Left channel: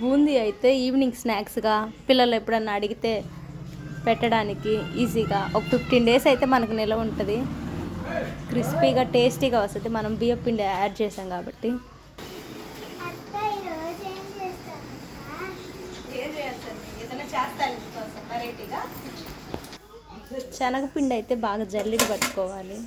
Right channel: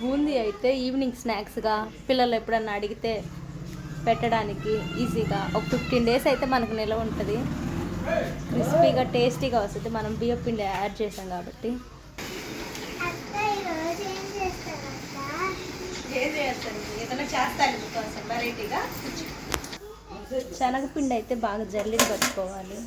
బూందీ అయితే ఈవినింగ్ స్నాక్స్గా పిల్లలు ఎప్పుడన్నా అడిగితే పెట్టడానికి ఈజీగా ఒక ఫిఫ్టీన్ డేస్ అయితే మనకు నిలవ ఉంటుంది. క్రిస్పీగా టేస్టీగా వస్తుంది. మనం బియ్యం పిండి యాడ్ చేసాం కాబట్టి. శనగపిండి అయితే బాగా జల్లిడి కట్టుకోవాలి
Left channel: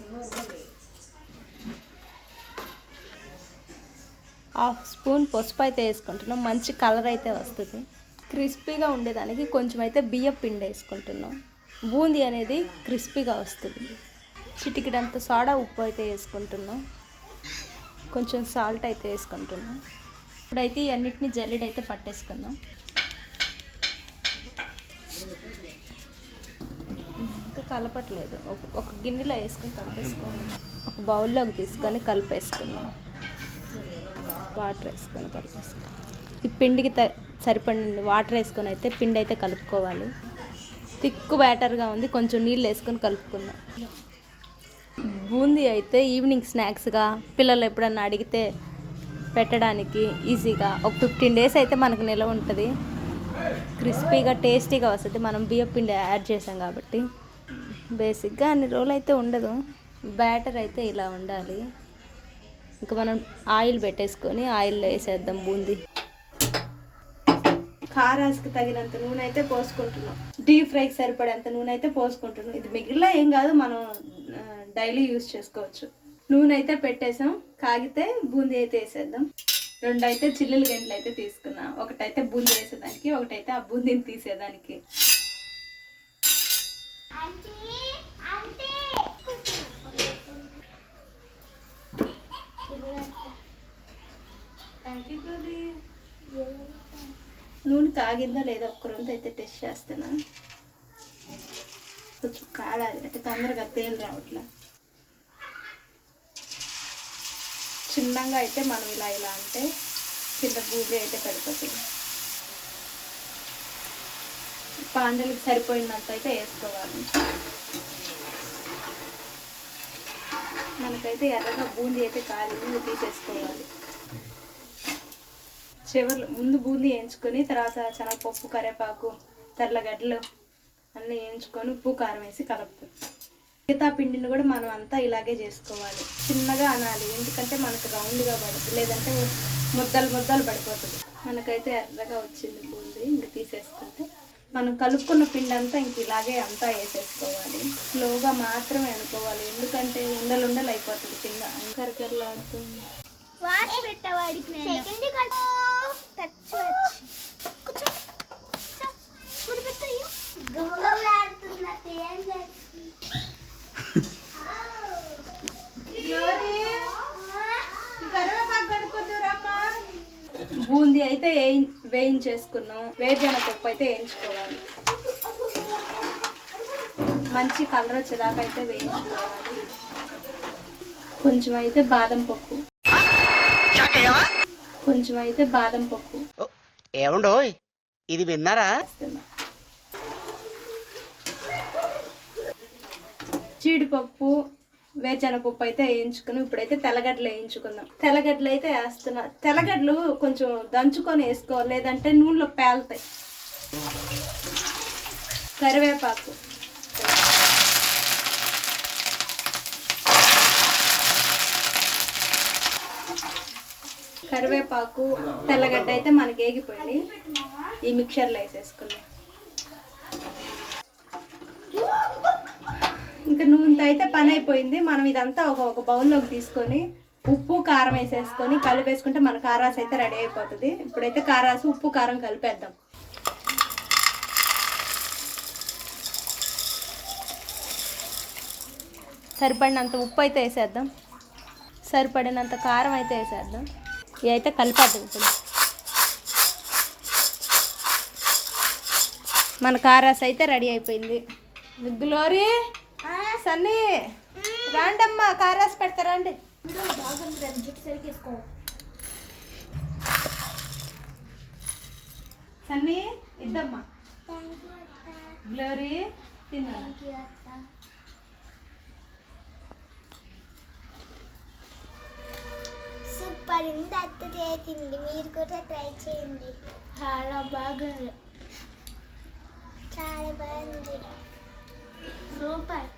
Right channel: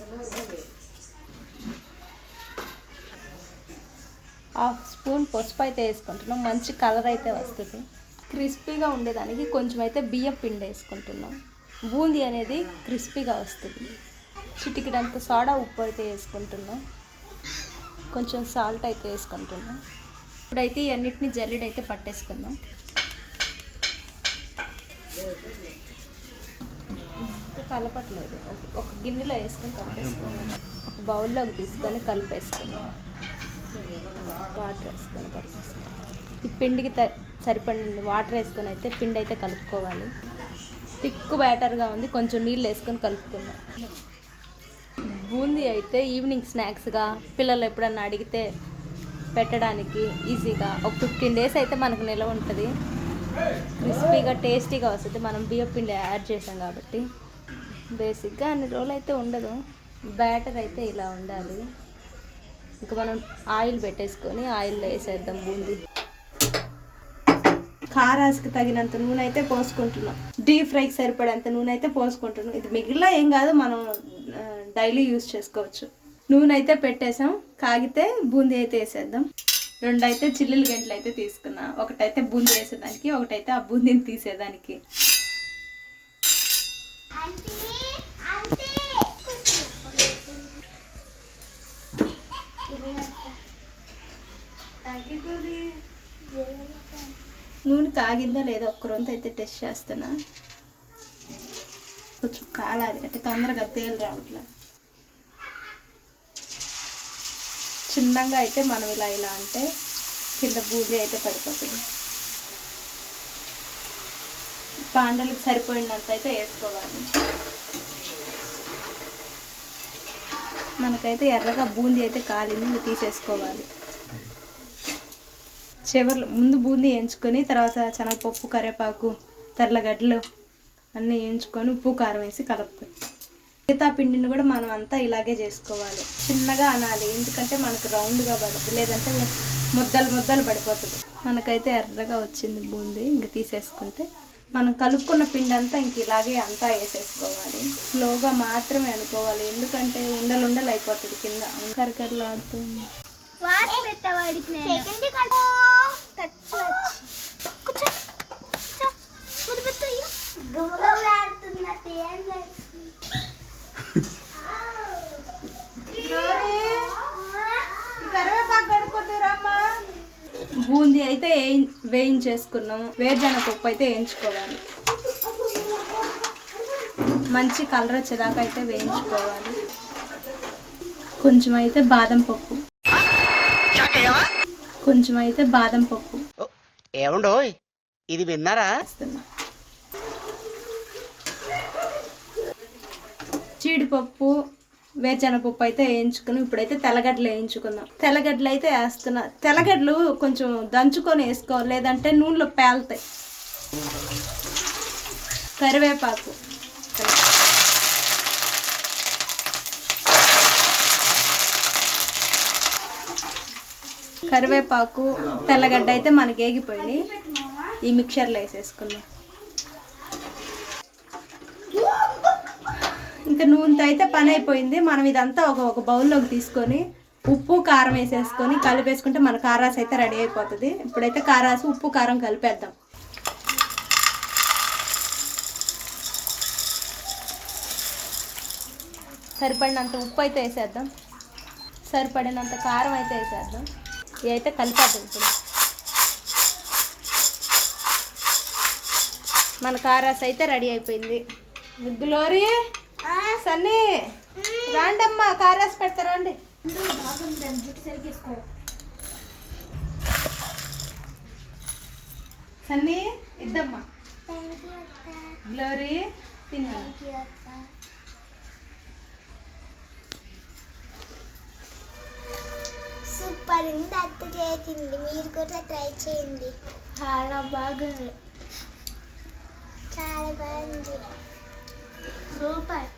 హాఫ్ స్పూన్ పసుపు అయితే వేసుకుంటున్నాం. మంచి కలర్ అయితే వస్తుంది. క్రిస్పీగా ఉండేదానికి కొంచెం అయితే బియ్యం పిండి వేసుకుంటున్నాం. బూందీ అనేది క్రిస్పీగా వస్తుంది. చిటికిడంత సోడా ఉప్పు అయితే వేసుకుంటున్నాం. కొంచెం సాల్ట్ అయితే వేసుకుంటున్నాం. ఇప్పుడైతే ఇవన్నిటిని అన్నిటిని అయితే పట్టేసుకుందాం. కలపట్లేదు. ఒక- గిన్నెలో వేసుకుని కలిపేసుకుందాం ఒక బౌల్లోకి తీసుకొని కలిపేసుకుందాం. వాటర్ వేసుకొని కలిపేసుకుందాం ఈ పిండికి త వాటర్ వేసుకొని అయితే పిండి అయితే కలుపుకోవాలి. థిక్ బ్యాటర్గా ఉంది కొంచెం నీళ్ళు వేసుకొని కలుపుకుందాం. బూందీ అయితే ఈవినింగ్ స్నాక్స్గా పిల్లలు ఎప్పుడన్నా అడిగితే పెట్టడానికి ఈజీగా ఒక ఫిఫ్టీన్ డేస్ అయితే మనకు నిలవ ఉంటుంది. క్రిస్పీగా టేస్టీగా వస్తుంది. మనం బియ్యం పిండి యాడ్ చేసాం కాబట్టి బేసిక్గా అన్ని రోజులు అయితే ఉండదు. బ్యాటర్ అయితే ఇలా ఉండాలి. ఇంకా మనం ఆయిల్ పెట్టేసుకొని ఆయిల్లో వేసేద్దాం బూందీ. కారాస్కి తగినంత నూనె అయితే పోసుకుంటున్నాం. డీప్ ఫ్రైకి సరిపడేంత నూనె అయితే పోసుకుంటున్నాం. ఇది మిగిలిన ఏం కాదు మనం డైలీ యూస్ చేసుకోవచ్చు. నూనె అయితే పెట్టేసాం. కాగితే బూందీ అయితే వేసేద్దాం. రెండు అయితే చిల్లులు గంటలు అయితే తీసుకున్నా. ఒకటైతే బూందీ వేసేదానికి ఒకటైతే ఆ బూందీని తీసేదానికి. నూనె కాగిందో లేదో ఒక్కరంతా అయితే టెస్ట్ చేస్తున్నా. కొంచెం కాలాలి అంటే తొందరగా తేలు రావట్లా. చిన్నగా అయితే మనం ఇలా ఇలా అంటే కింద బూజీ అయితే పడిపోతుంది. పాండలకు సరిపోయినంత అయితే వేసుకోవాలి. మనకైతే ఎర్రగా బూందీ అయితే కాలింది ఇంకా తీసేసుకోవాలి. చివర్లో ముందు బూందీ వేయించుకొని తర్వాత శనగపప్పు కరివేపాకు తెల్లగడ్డలు అన్నీ వేయించుకొని ఉప్పు కారం వేసి కలుపుతాం మిగతా పిండిని కూడా మనం అంతా ఇలాగే చేసుకోవాలి. చిన్నగా అనాలి. ఎందుకంటే మనకు రౌండ్గా పడుతుంది. లేదంటే ముద్దలు ముద్దలు పడిపోతుంది. మనకైతే ఎర్రగా వచ్చింది బూందీ. ఇంక తీసేసుకుంటే మనం కలుపుకున్న పిండి అంతా ఇంక ఇలాగే అంతా వేసేసుకోవాలి. స్లోగా మాత్రమే అనుకోవాలి. ఎందుకంటే ఉండలు ఉండలు అయిపోతుంది కింద. కరకరలాడుతుంది పెట్టవాడికి బూందీ అయితే వేయి- వేయించేసుకున్నాం వేరుజన పప్పు అయితే వేయించుకోవాలి. మంచి కలర్ వచ్చేదాకా అయితే వేయించుకోవాలి. కొంచెం అయితే బాదం పప్పు. కొంచెం అయితే బాదం పప్పు. ఏమండోయ్? ఇది విన్నారా? జీడిపప్పు వేరుశనగపప్పు అయితే వేయించుకుని ఇప్పుడైతే తెల్లగడ్డలు వేయించుకుందాం. తెల్లగడ్డలు అయితే వేస్తున్నా. తెల్లగడ్డలు కొంచెం దంచుకొని వేసుకోవాలి. లేదంటే నూనెలో పేలుతాయి. కరివేపాకు. కరివేపాకు తెల్లగడ్డ అయితే మనకి ఏగిపోయింది ఈ మిక్చర్లో వేసేసుకున్నాం ఇంత నూనెతో అయితే పని అయిపోయింది. మనం ఇదంతా ఒక ఒక బౌల్లోకి తీసుకొని ఉప్పు కారం వేసేసుకొని కలిపేసుకుంటే మన కారాస్ అయితే రెడీ అయిపోతుంది. ఇప్పుడైతే కారాసు ఉప్పు కారం కలిపేద్దాం. సరిపడినంత ఉప్పు అయితే వేసేద్దాం. సరిపడినంత కారం అయితే వేసేద్దాం. ఇవి అయితే కలిపేద్దాం ఇప్పుడు. మన కారాస్ అయితే రెడీ అయిపోయింది. గ్లోరీ సన్నీ రాండమ్మా కారాస్ పెడతారండి సన్నీ ఇద్దమ్మా. గ్లోరీ తిన్నాను సూపర్ సూపర్ ఉంది అత్త చేసింది మీరు కూడా ట్రై చేయండి. చాలా బాగుంది. చాలా బాగుంది. సూపర్.